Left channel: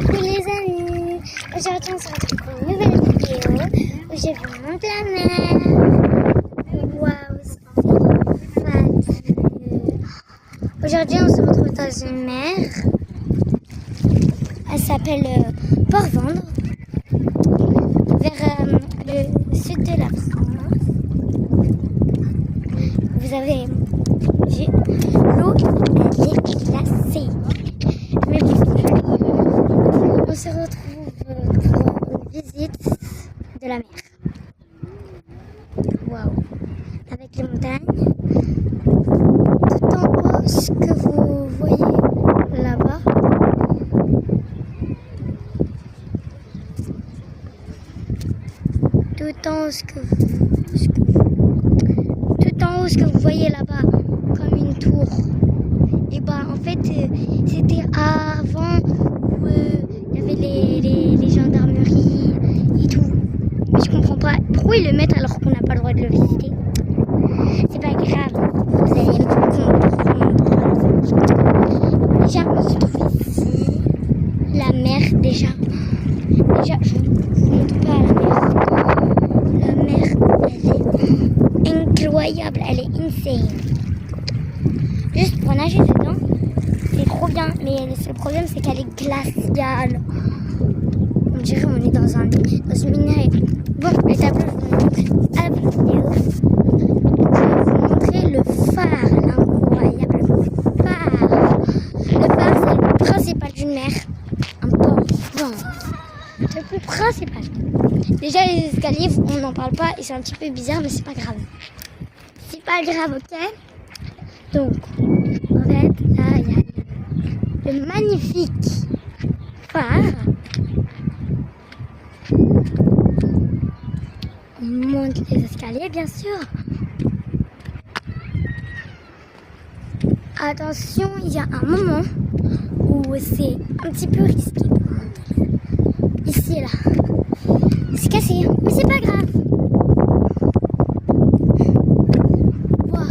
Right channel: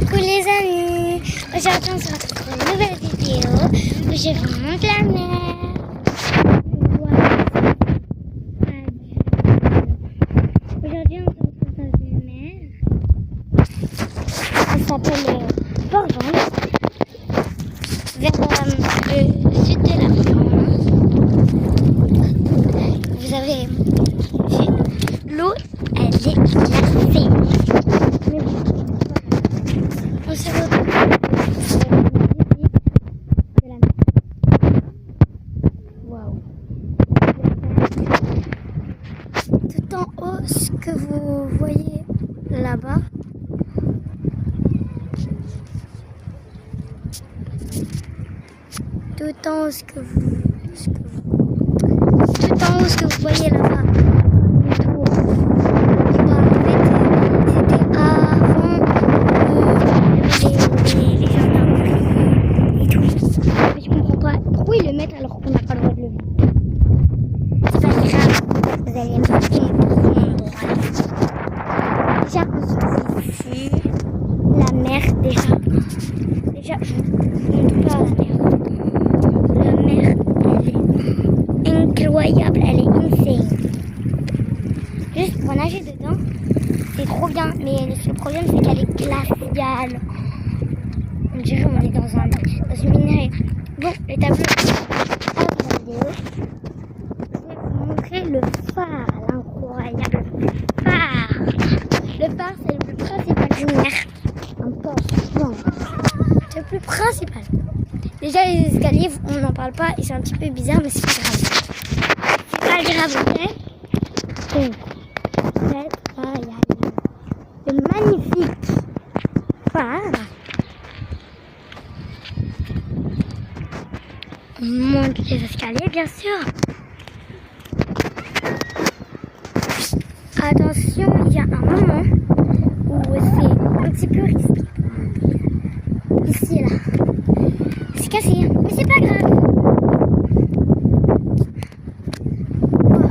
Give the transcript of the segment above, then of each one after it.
Coucou les amis, aujourd'hui on se retrouve pour une nouvelle vidéo où je vous montre la mer. Aujourd'hui on se retrouve dans une mer, elle s'appelle Port-Vendres, vers le sud de la France. Vous avez vu, l'eau elle est glacée, mais bon. On se retrouve pour une visite de la mer. Waouh! Avec les montagnes. Tout en haut, ce que vous voyez là-bas, tout en haut, ce que vous voyez là-bas, comme une tour. Et bah en fait, c'était avant. Les gendarmeries et tout. Mais je comprends pas pourquoi ils le mettent alors qu'on n'a pas le droit de le visiter. C'est pas grave, vous allez me comprendre. Déjà, on se trouve ici. La mer, déjà, je vous montre pas la mer. La mer, elle est incroyable, elle est insane. Juste pour nager dedans, c'est trop bien, mais le problème c'est qu'elle est glaciale. On dirait qu'on est dans une minerai. Bon, le tableau à vidéo, je vais vous montrer le phare, l'incroyable phare. Le phare, c'est le principal du mer, un Port-Vendres. C'est le plus principal. Déjà, les escaliers, on n'en parle pas, ils sont un petit peu bizarres, mais c'est pas grave. C'est pas grave, ok? Donc, en fait, là, il y a le magnifique phare. On monte les escaliers, bien sûr. Attention, il y a un moment où c'est un petit peu risqué pour monter. Ici et là. C'est cassé, mais c'est pas grave. Wow.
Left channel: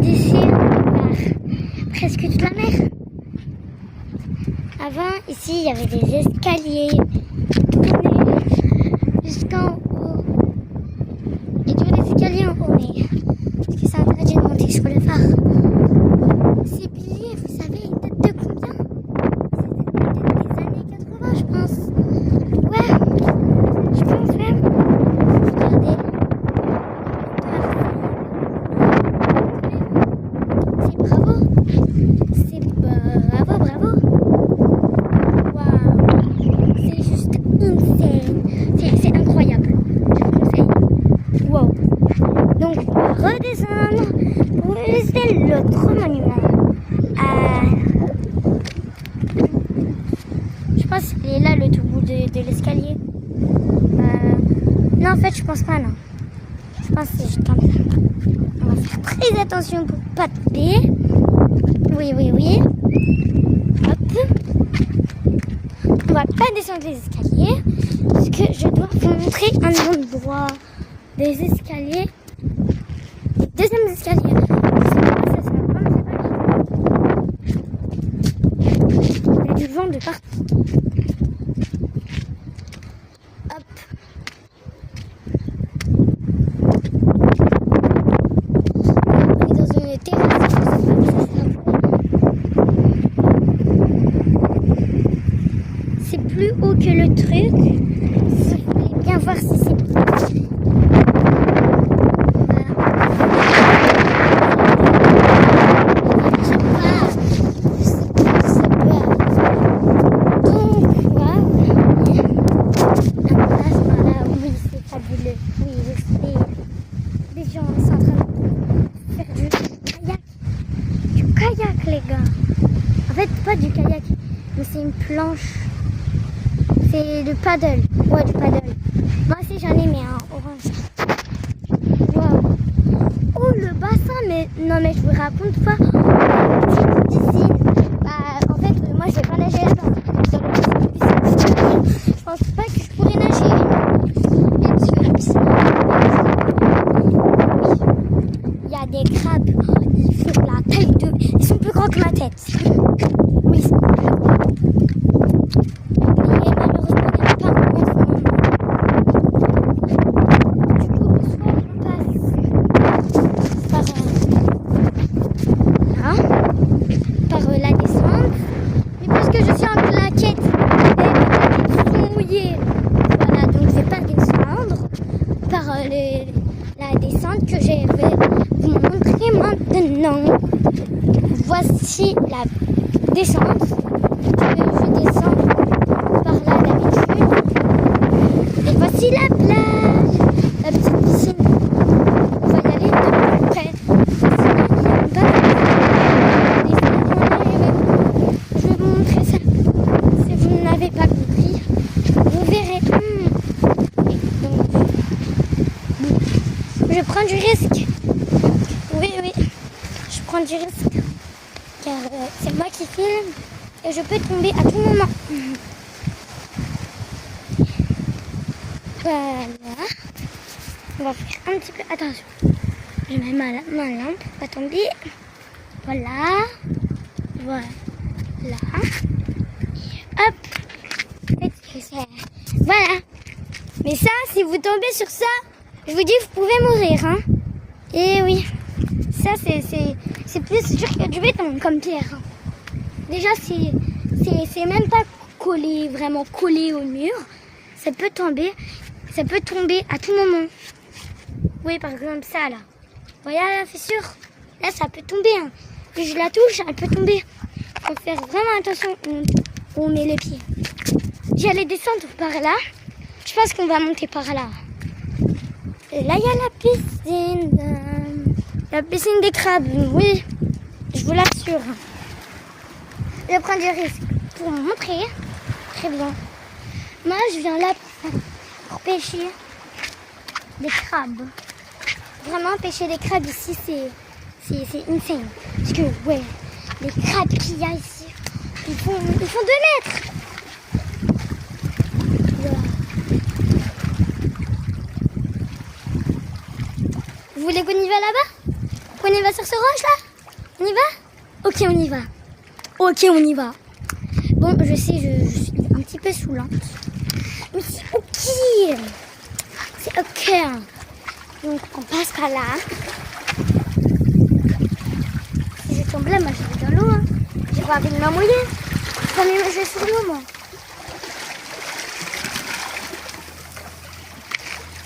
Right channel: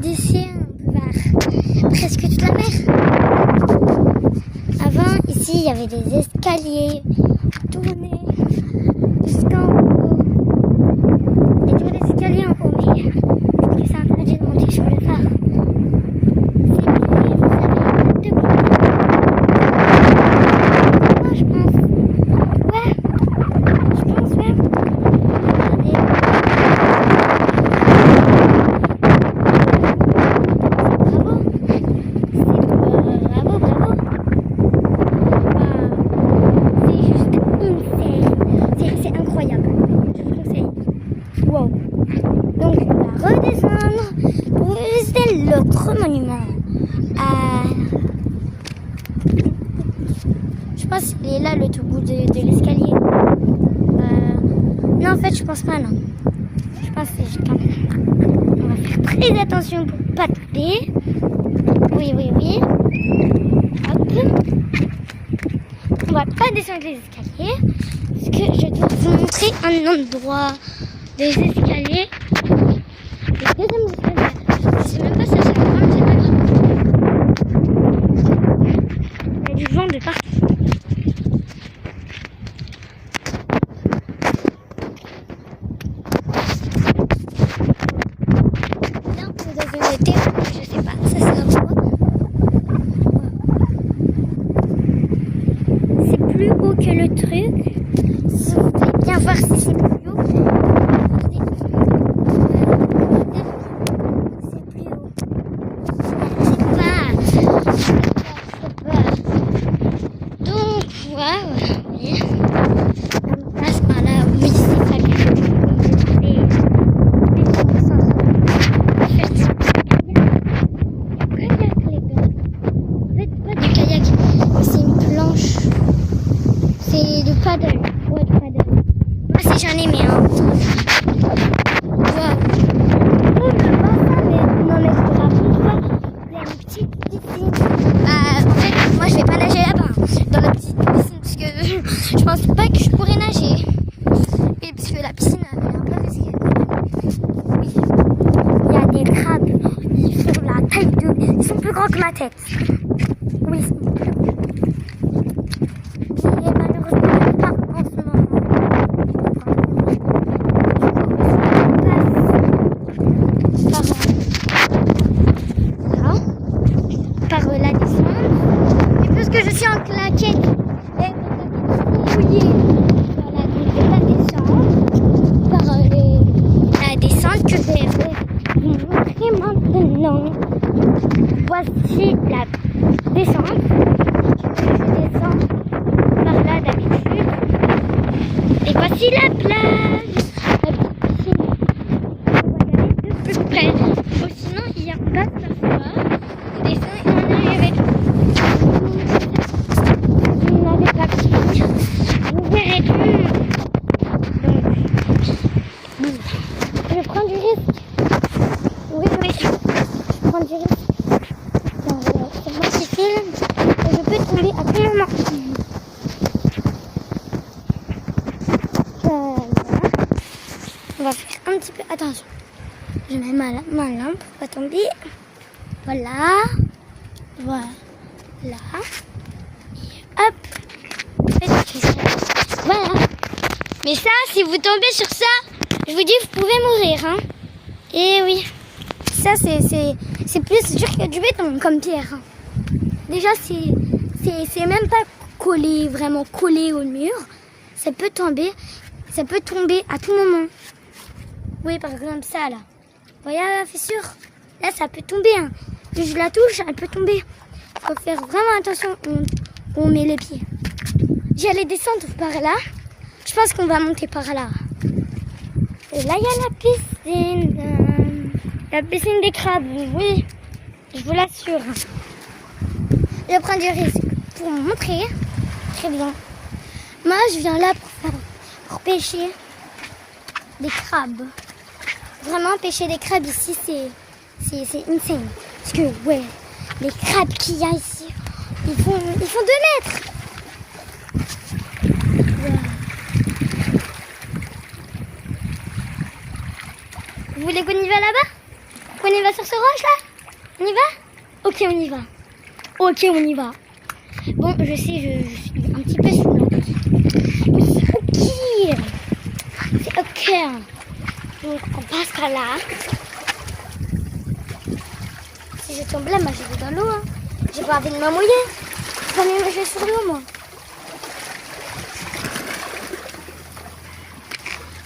D'ici, on part presque toute la mer. Avant, ici, il y avait des escaliers tournés jusqu'en haut. Et toujours des escaliers en haut. Parce que c'est interdit de monter sur le phare. C'est pire, vous savez, il y a deux côtés. Moi, je pense. Ouais, je pense même. Regardez. C'est bravo. C'est incroyable, je vous conseille. Wow. Donc on va redescendre pour visiter l'autre monument. Je pense qu'il est là le tout bout de l'escalier. Non, en fait je pense pas, non. Je pense que c'est juste comme ça. On va faire très attention pour pas tomber. Oui. Hop. On va pas descendre les escaliers. Parce que je dois vous montrer un endroit des escaliers. Le deuxième escalier. Je sais pas si ça va, mais c'est pas grave. Il y a du vent de partout. Dans une terrasse, je sais pas, ça sera beau. C'est plus haut que le truc. Si vous voulez bien voir si c'est donc, waouh, on passe par là, oui, c'est fabuleux. On est en train de faire du kayak, les gars. En fait, pas du kayak, mais c'est une planche. C'est du paddle. Ouais, du paddle. Moi aussi j'en ai, mais waouh. Oh, le bassin, mais non, mais je vous raconte pas. La petite piscine. En fait, moi je vais pas nager là-bas. Dans la petite piscine. Parce que je pense pas que je pourrais nager. Et parce que la piscine. Il y a des crabes. Ils font la taille de grand que ma tête. Oui. Et malheureusement, il n'y a pas en ce moment. Du coup, on passe par la descente. Et parce que je suis en claquette, et mes claquettes sont mouillées. Voilà, donc je vais pas descendre par la descente que je vais vous montrer maintenant. Voici la descente. Je descends par là d'habitude. Et voici la plage, la petite piscine. On va y aller de plus près. Sinon, il y a un bateau. Et sinon, on y avait. Je vais vous montrer ça. Si vous n'avez pas compris, vous verrez. Donc, je prends du risque. Oui, je prends du risque. Car c'est moi qui filme et je peux tomber à tout moment. Voilà. On va faire un petit peu. Attention. Je mets ma lampe pour pas tomber. Voilà. Voilà. Hop. Voilà. Mais ça, si vous tombez sur ça, je vous dis, vous pouvez mourir. Hein. Et oui. Ça, c'est plus dur que du béton comme pierre. Hein. Déjà, c'est même pas collé, vraiment collé au mur. Ça peut tomber à tout moment. Oui, par exemple, ça, là. Vous voyez la fissure? Là, ça peut tomber. Hein. Si je la touche, elle peut tomber. Il faut faire vraiment attention où on met les pieds. J'allais descendre par là. Je pense qu'on va monter par là. Et là, il y a la piscine. La piscine des crabes, oui. Je vous l'assure. Je prends du risque pour vous montrer. Très bien. Moi, je viens là pour pêcher des crabes. Vraiment, pêcher des crabes ici, c'est insane. Parce que, ouais, les crabes qu'il y a ici, ils font 2 mètres. Voilà. Vous voulez qu'on y va là-bas? Qu'on y va sur ce roche là? On y va? Ok, on y va. Ok, on y va. Bon, je sais, je suis un petit peu saoulante. Mais c'est ok. C'est ok. Donc, on passe par là. Si je tombe là, moi je vais dans l'eau. Hein. J'ai pas envie de me mouiller. Je vais pas me jeter sur l'eau, moi.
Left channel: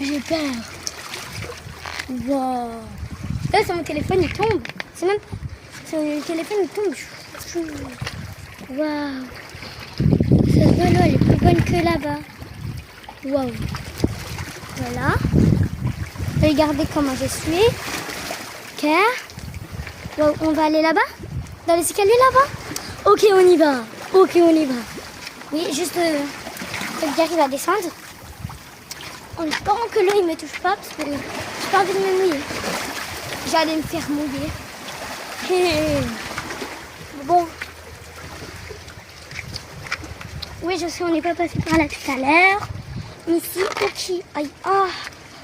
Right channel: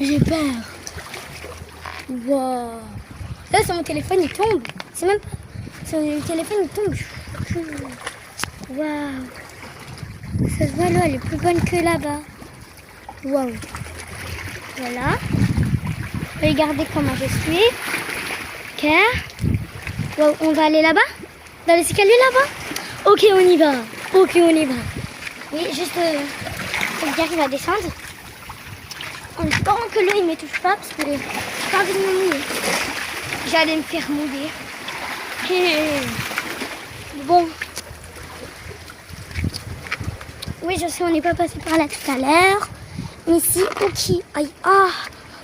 J'ai peur. Wow. Là, c'est mon téléphone, il tombe. C'est même pas... C'est le téléphone, il tombe. Waouh. Ça se voit, l'eau, elle est plus bonne que là-bas. Waouh. Voilà. Regardez comment je suis. Ok. Wow, on va aller là-bas? Dans l'escalier là-bas? Ok, on y va. Ok, on y va. Oui, juste... j'arrive à descendre. En espérant que l'eau, il ne me touche pas, parce que j'ai pas envie de me mouiller. J'allais me faire mouiller. Bon. Oui, je sais, on n'est pas passé par là tout à l'heure. Mais ici, ok. Aïe, oh,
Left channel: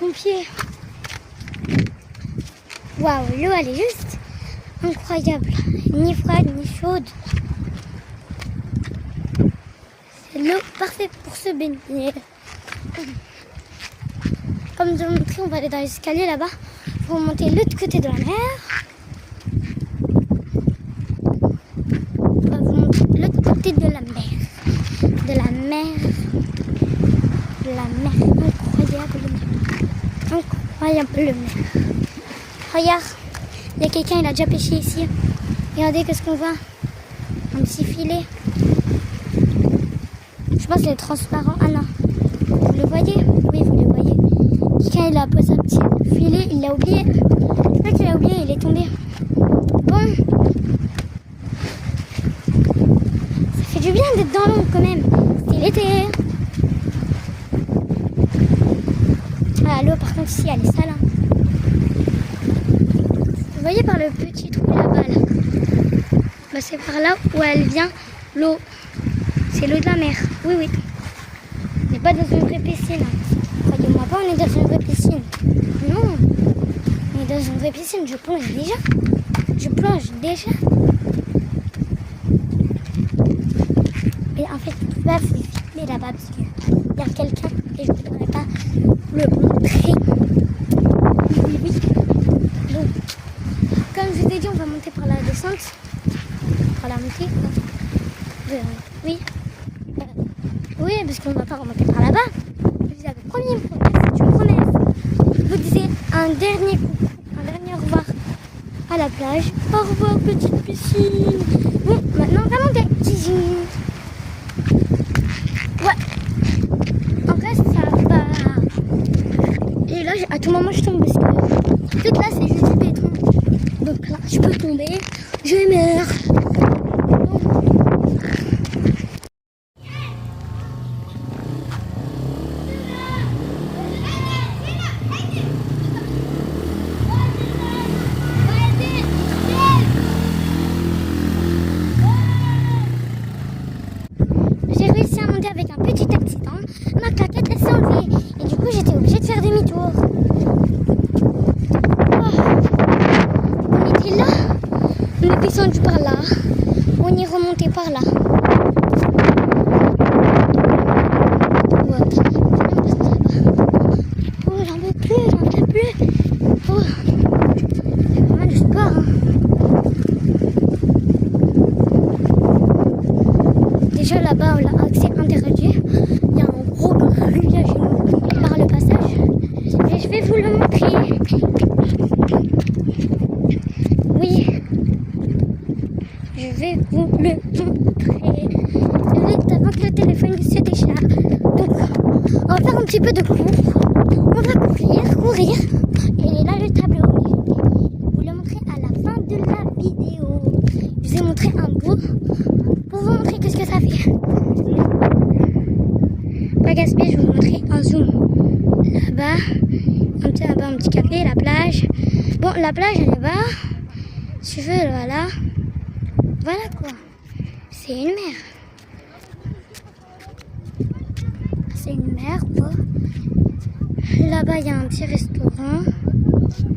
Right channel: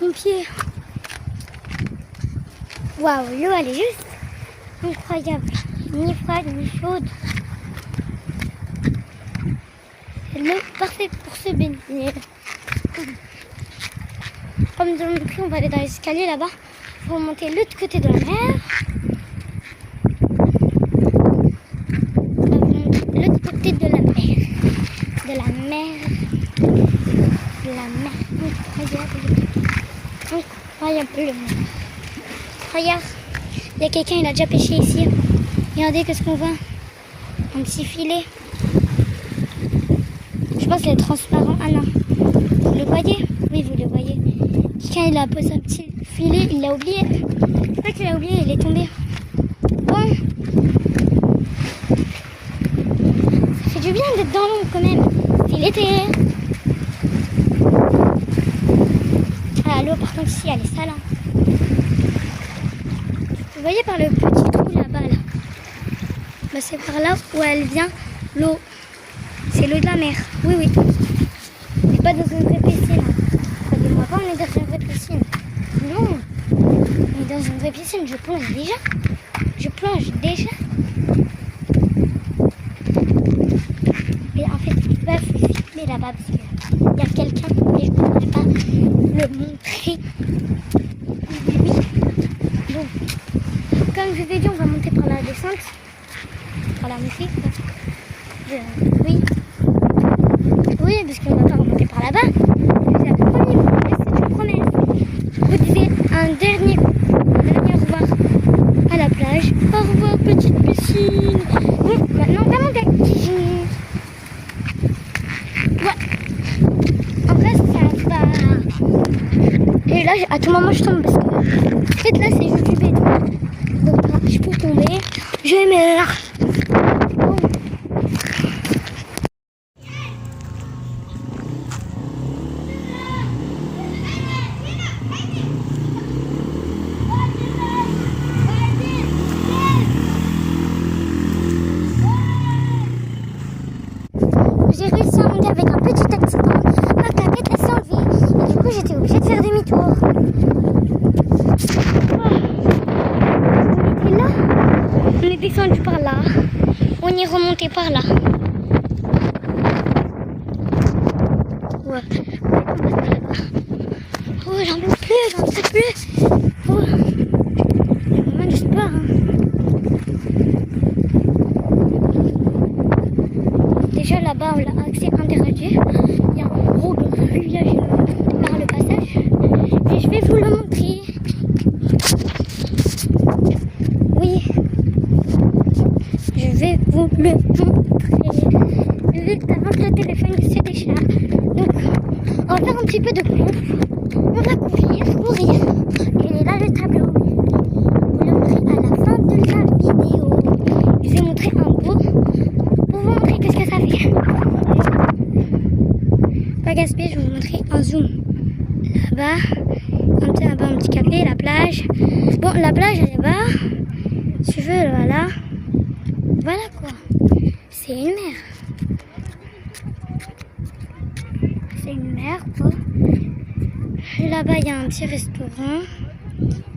mon pied. Waouh, l'eau, elle est juste incroyable. Ni froide, ni chaude. C'est l'eau parfaite pour se baigner. Comme je vous l'ai montré, on va aller dans l'escalier là-bas pour remonter l'autre côté de la mer. On va vous montrer l'autre côté de la mer. De la mer. De la mer. Incroyable. Incroyable mer. Regarde, il y a quelqu'un, il a déjà pêché ici. Regardez qu'est-ce qu'on voit. Un petit filet. Je pense qu'il est transparent. Ah non. Vous le voyez? Oui, vous le voyez. Quelqu'un, il a posé un petit filet, il l'a oublié. C'est pas qu'il a oublié, il est tombé. Bon. Ça fait du bien d'être dans l'ombre quand même. C'est l'été. Ah, l'eau, par contre, ici, elle est sale. Hein. Vous voyez par le petit trou là-bas, là. Bah, c'est par là où elle vient, l'eau. C'est l'eau de la mer. Oui, oui. On n'est pas dans une vraie piscine. Croyez-moi pas, on est dans une vraie piscine. Non. On est dans une vraie piscine, je plonge déjà. je plonge déjà. Et en fait, tu vas filmer là-bas parce qu'il y a quelqu'un et je ne pourrais pas le montrer. Bon, comme je t'ai dit, on va monter par la descente. Par la montée. Oui. Oui, parce qu'on ne va pas remonter par là-bas. J'avais promis, c'est une promesse. Je vous disais un dernier au revoir à la plage. Au revoir, petite piscine. Oui, maintenant, on va monter. Ouais. En vrai, c'est un bar. Et là, à tout moment, je tombe. Parce que, en fait, là, c'est juste du béton. Donc, là, je peux tomber. Je meurs. J'ai réussi à monter avec un petit accident. Ma claquette elle s'est enlevée. Et du coup, j'étais obligée de faire demi-tour. Oh. On était là. On est descendu par là. On est remonté par là. Ouais. On passe par là-bas. Oh, j'en peux plus. Oh. C'est vraiment du sport. Hein. Déjà là-bas, on l'a accès interdit. Il y a un gros grillage par le passage. Et je vais vous le montrer. Oui. Je vais vous le montrer. Vite avant que le téléphone se décharge. Donc, on va faire un petit peu de cours. On va courir. Et là, le tableau. Je vais vous le montrer à la fin de la vidéo. Je vais vous montrer un bout. Pour vous montrer qu'est-ce que ça fait. Pas gaspiller, je vais vous montrer un zoom. Là-bas, un petit café, la plage. Bon, la plage, elle est là-bas. Si tu veux, voilà. Voilà quoi. C'est une mer. C'est une mer quoi. Là-bas, il y a un petit restaurant.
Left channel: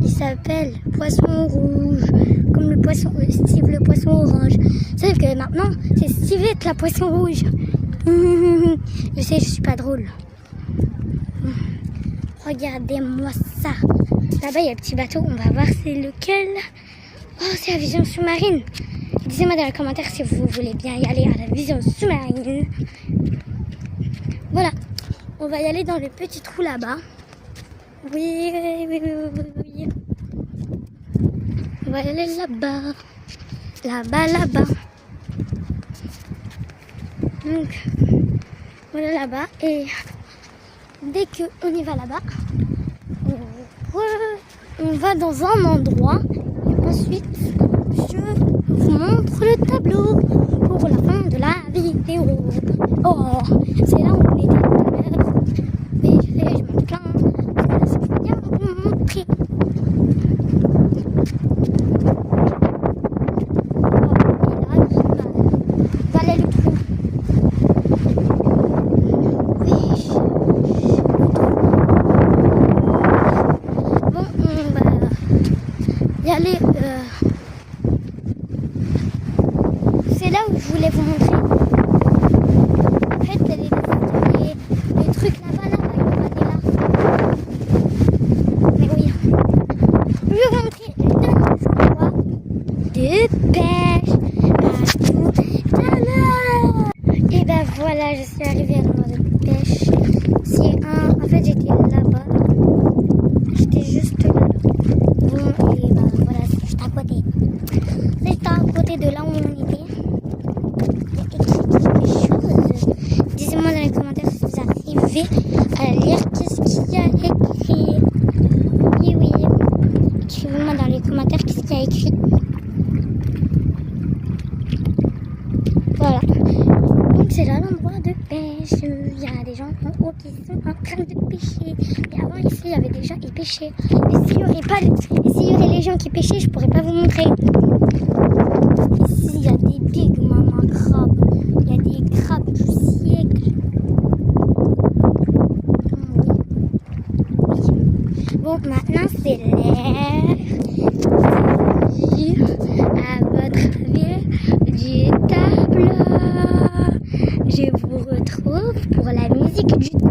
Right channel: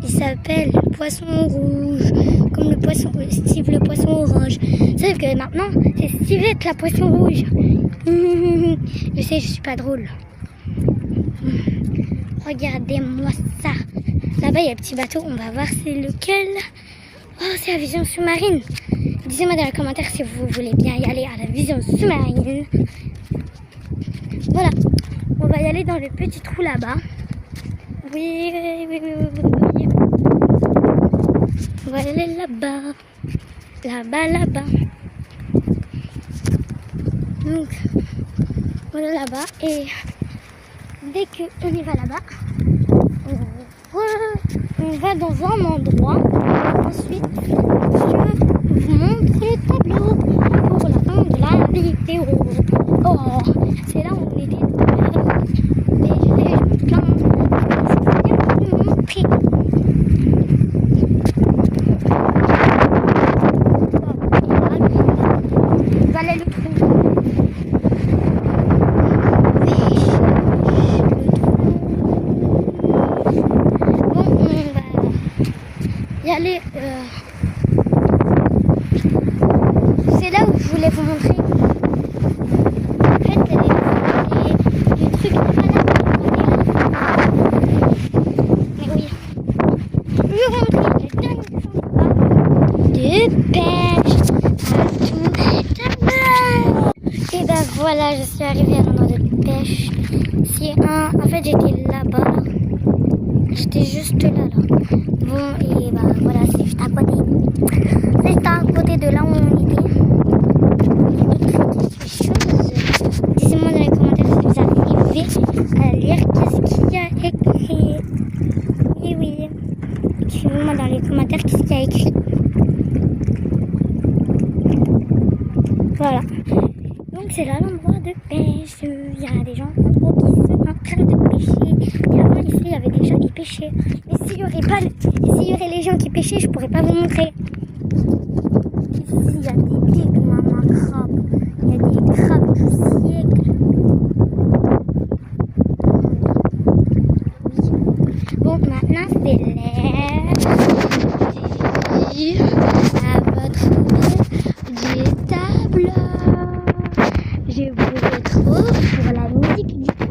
Il s'appelle Poisson Rouge. Comme le poisson, Steve le poisson orange. Sauf que maintenant, c'est Stevette la poisson rouge. Je sais, je suis pas drôle. Regardez-moi ça. Là-bas, il y a un petit bateau. On va voir c'est lequel. Oh, c'est la vision sous-marine. Dites-moi dans les commentaires si vous voulez bien y aller à la vision sous-marine. Voilà. On va y aller dans le petit trou là-bas. Oui. On va aller là-bas. Là-bas. Donc, voilà là-bas. Et dès qu'on y va là-bas, on va dans un endroit. Ensuite, je vous montre le tableau pour la fin de la vidéo. Oh, c'est là où on était tout à l'heure. Et je m'entends. C'est bien pour vous montrer. Voilà le trou. Oui. Bon, on va y aller. C'est là où je voulais vous montrer. En fait, les trucs là-bas. Mais oui. Je vais vous montrer le dernier jour de pêche. Et ben voilà, je suis arrivée à l'endroit de pêche. En fait, j'étais là-bas. J'étais juste là. Bon, et ben voilà, c'est juste à côté. C'est à côté de là où on était. Il y a écrit quelque chose. Dites-moi dans les commentaires si vous arrivez à lire qu'est-ce qu'il y a écrit. Oui. Écrivez-moi dans les commentaires qu'est-ce qu'il y a écrit. Voilà. Donc c'est là l'endroit de pêche. Il y a des gens en haut qui sont en train de pêcher. Et avant ici il y avait des gens qui pêchaient. Et s'il y aurait les gens qui pêchaient, je pourrais pas vous montrer. Ici il y a des big mama crabes. Il y a des crabes du siècle. Bon, maintenant c'est l'heure. je vous retrouve pour la musique du